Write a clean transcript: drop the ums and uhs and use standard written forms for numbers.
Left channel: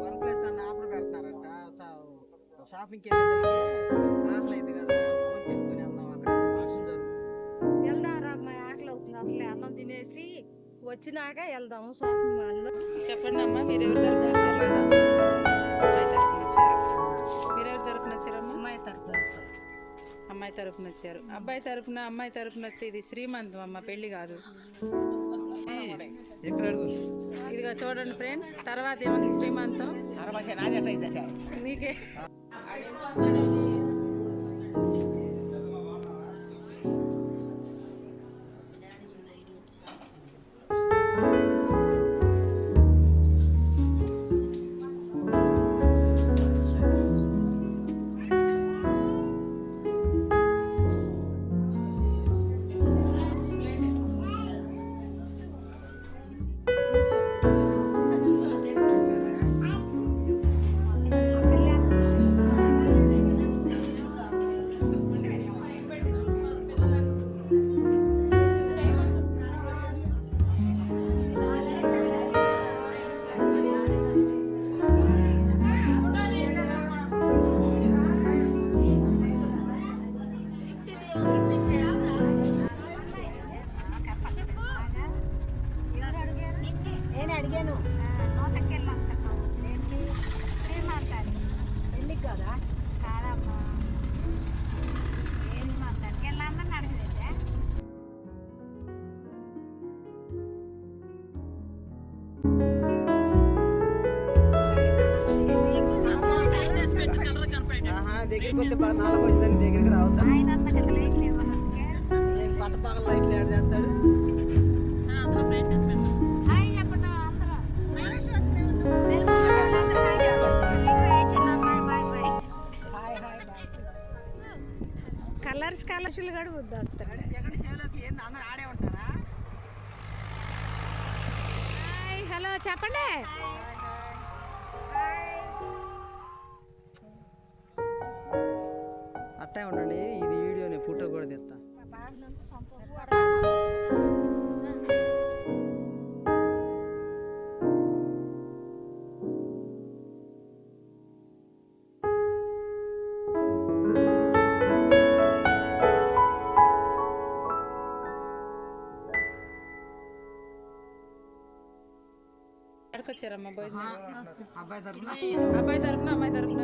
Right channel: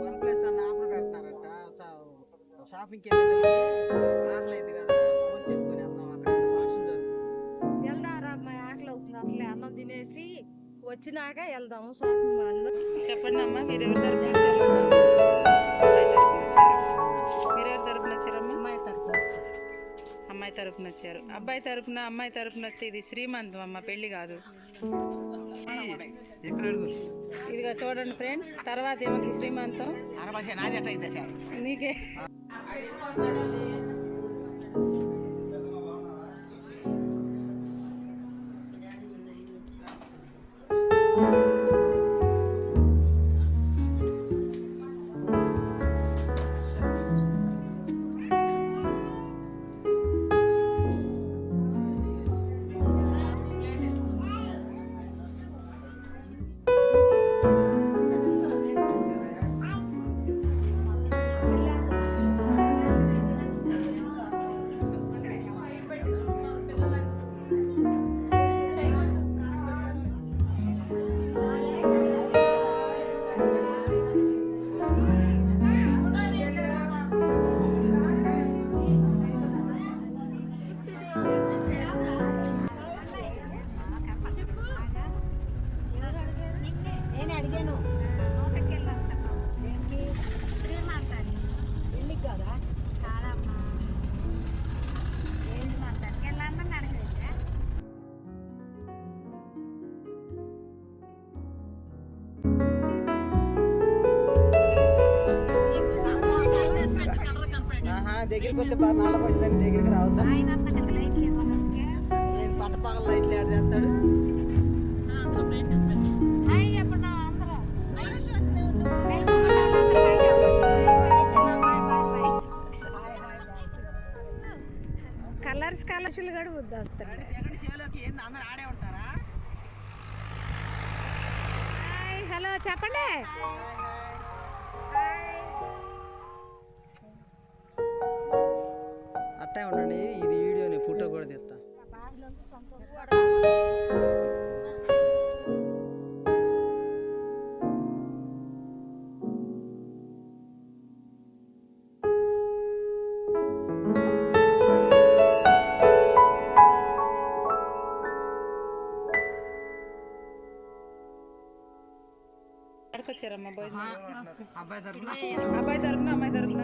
One plus అన్న offer పెడతారంట. షాపింగ్కి వెళ్ళేదానికి ఆకలి కదా, ఫోన్ చేసుకుని వెళ్దాం. అక్కడ ఫంక్షన్ జరుగుతుంది. వెళ్దాంరా అమ్మాయి, ఆకలి అవుతుంది. అసలే అన్నం తినేసి వచ్చినాక వెళ్దాము షాపింగ్ మాల్లో. చెప్పండి అమ్మా, మీరు ఎవరి తరపున వచ్చారు? అబ్బాయి తరపున వచ్చారు. మీరు ఎవరి తరపున వచ్చారమ్మా? అమ్మాయి తరపున వచ్చారు. అమ్మాయి తరపున వచ్చారు. అబ్బాయి తరపున అమ్మాయి తరపున వస్తే ఇది శ్రీమంతం అమ్మ, పెళ్లి కాదు. ఇదిగో చూడండి ఫ్రెండ్స్, తర్వాత ఏమన్నా శ్రీమంతం నీకే. దగ్గరికి వస్తే బాగా నల్లకి వచ్చేదాన్ని దగ్గరికి రావద్దా? పట్టపక్కల లైట్లు యాడ్ చేస్తాడు. కలర్స్ కూడా బుద్ధి వస్తాడు. అందరూ ఆడే ఉంటారా? హలో చెప్పండి. అట్టే ఉండండి, ఇది వీడియోని ఫోటో కూడా తెస్తా. ఎక్కడికొచ్చారమ్మా భోజనం? అబ్బాయి తరపున అబ్బాయి తరపున అమ్మాయి తరపున